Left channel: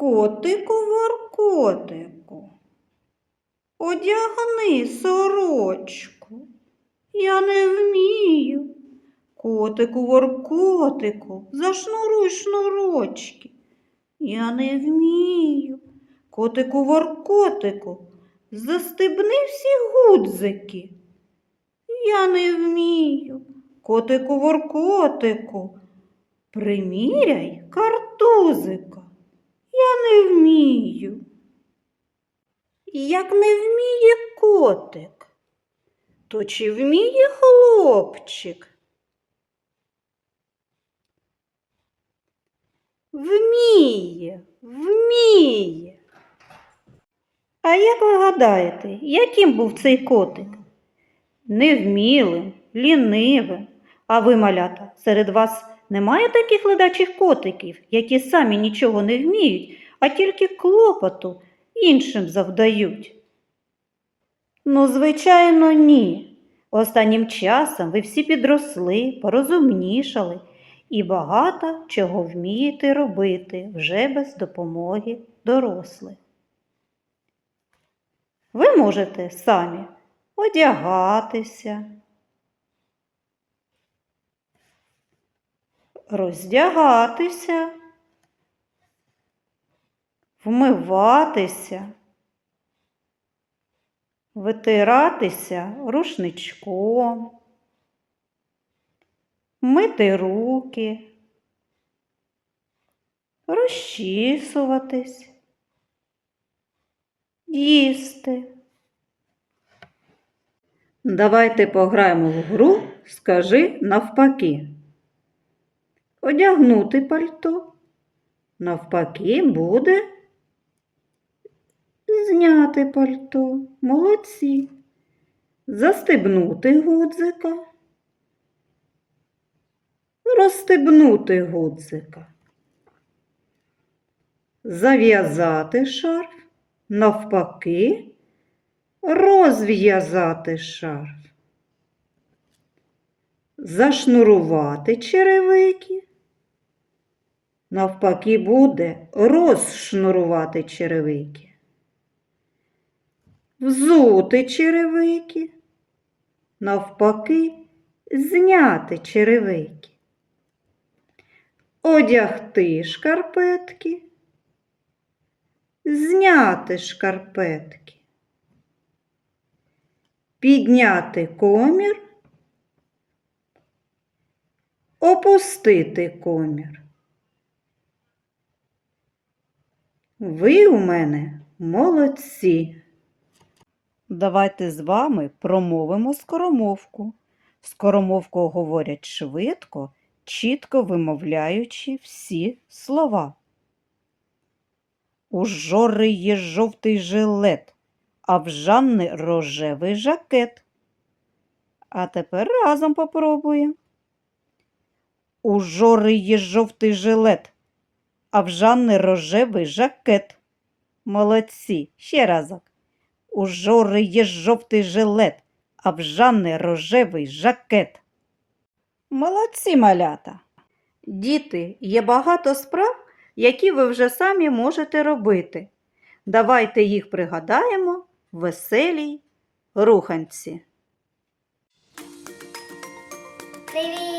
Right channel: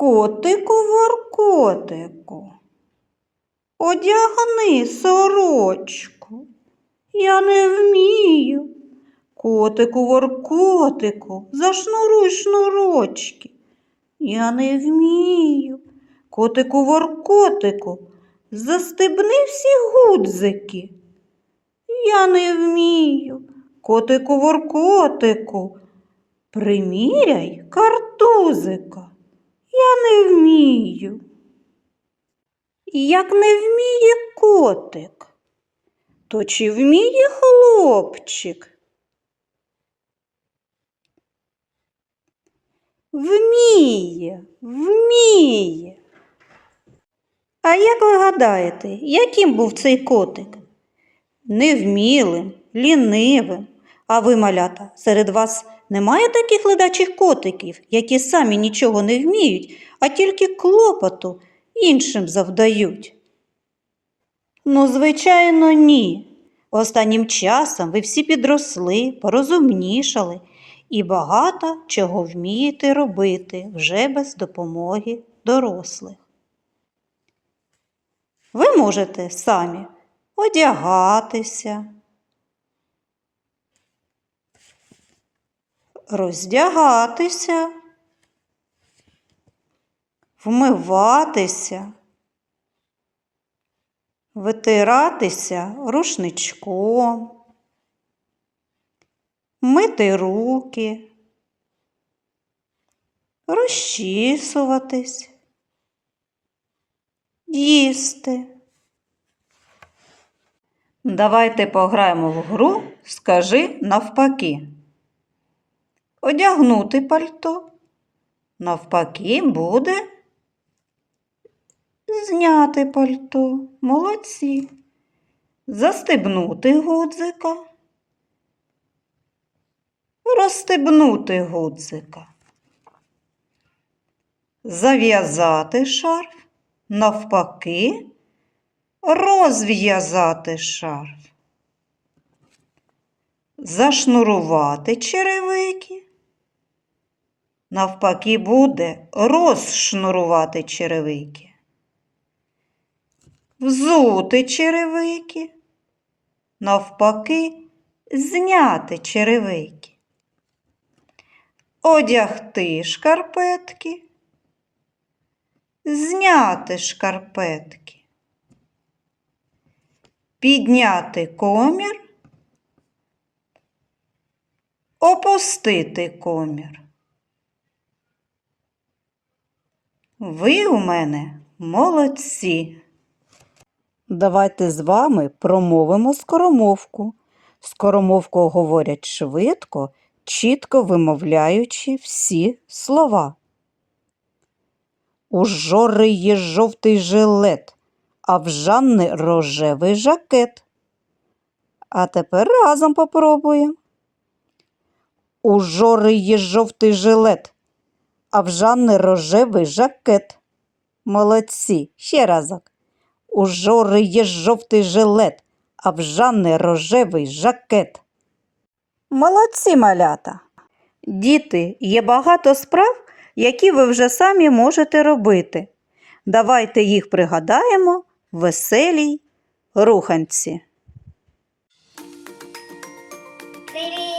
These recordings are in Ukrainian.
Котику воркотику, одягни сорочку. Я не вмію. Котику воркотику, зашнуруй шнурочки. Я не вмію. Котику воркотику, застебни всі гудзики. Я не вмію. Котику воркотику, приміряй картузика. Я не вмію. Як не вміє котик, то чи вміє хлопчик? Вміє, вміє. А як ви гадаєте, яким був цей котик? Невмілим, лінивим. А ви, малята, серед вас немає таких ледачих котиків, які самі нічого не вміють, а тільки клопоту іншим завдають? Ну, звичайно, ні. Останнім часом ви всі підросли, порозумнішали і багато чого вмієте робити вже без допомоги дорослих. Ви можете самі одягатися, роздягатися, вмиватися, витиратися рушничком, мити руки, розчісуватись, їсти. Давайте пограємо в гру Скажи навпаки. Одягнути пальто. Навпаки буде зняти пальто. Молодці. Застебнути гудзика. Розстебнути гудзика. Зав'язати шарф. Навпаки розв'язати шарф, зашнурувати черевики. Навпаки, буде розшнурувати черевики, взути черевики, навпаки, зняти черевики, одягти шкарпетки, зняти шкарпетки. Підняти комір, опустити комір. Ви у мене молодці. Давайте з вами промовимо скоромовку. Скоромовку говорять швидко, чітко вимовляючи всі слова. У жори є жовтий жилет а в Жанни рожевий жакет. А тепер разом попробуємо. У Жори є жовтий жилет, а в Жанни рожевий жакет. Молодці, ще разок. У Жори є жовтий жилет, а в Жанни рожевий жакет. Молодці малята. Діти, є багато справ, які ви вже самі можете робити. Давайте їх пригадаємо веселій руханці. Привіт!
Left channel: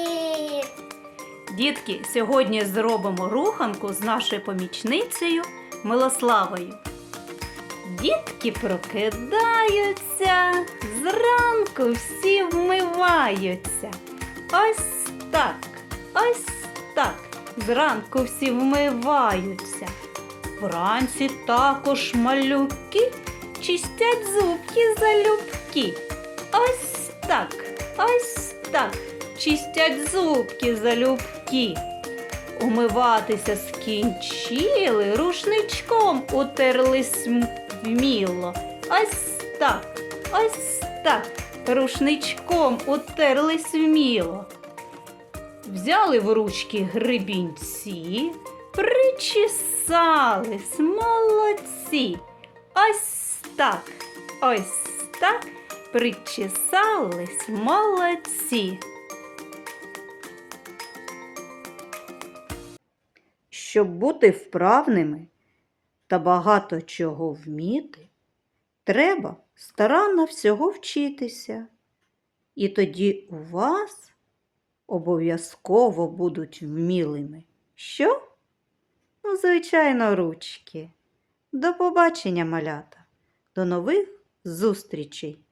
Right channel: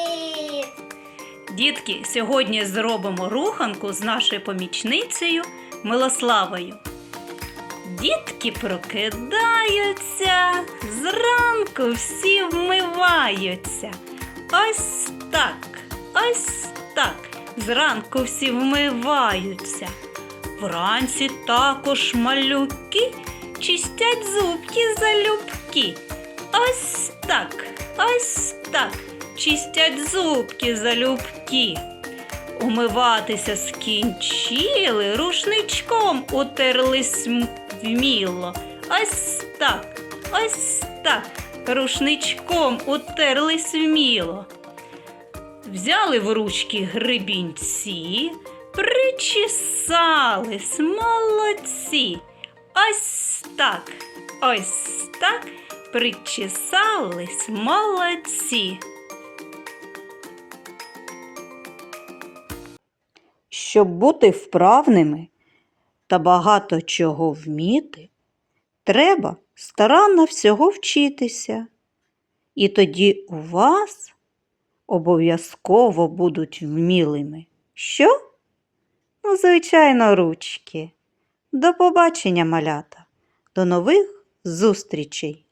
Дітки, сьогодні зробимо руханку з нашою помічницею Милославою. Дітки прокидаються, зранку всі вмиваються. Ось так, ось так. Зранку всі вмиваються. Вранці також малюки чистять зубки залюбки. Ось так, ось так. Чистять зубки залюбки. Умиватися скінчили, рушничком утерлись вміло. Ось так, ось так. Рушничком утерлись вміло. Взяли в ручки гребінці, причесались, молодці. Ось так, ось так, причесались, молодці. Щоб бути вправними, та багато чого вміти, треба старанно всього вчитися. І тоді у вас обов'язково будуть вмілими. Що? Ну, звичайно, ручки. До побачення, малята. До нових зустрічей!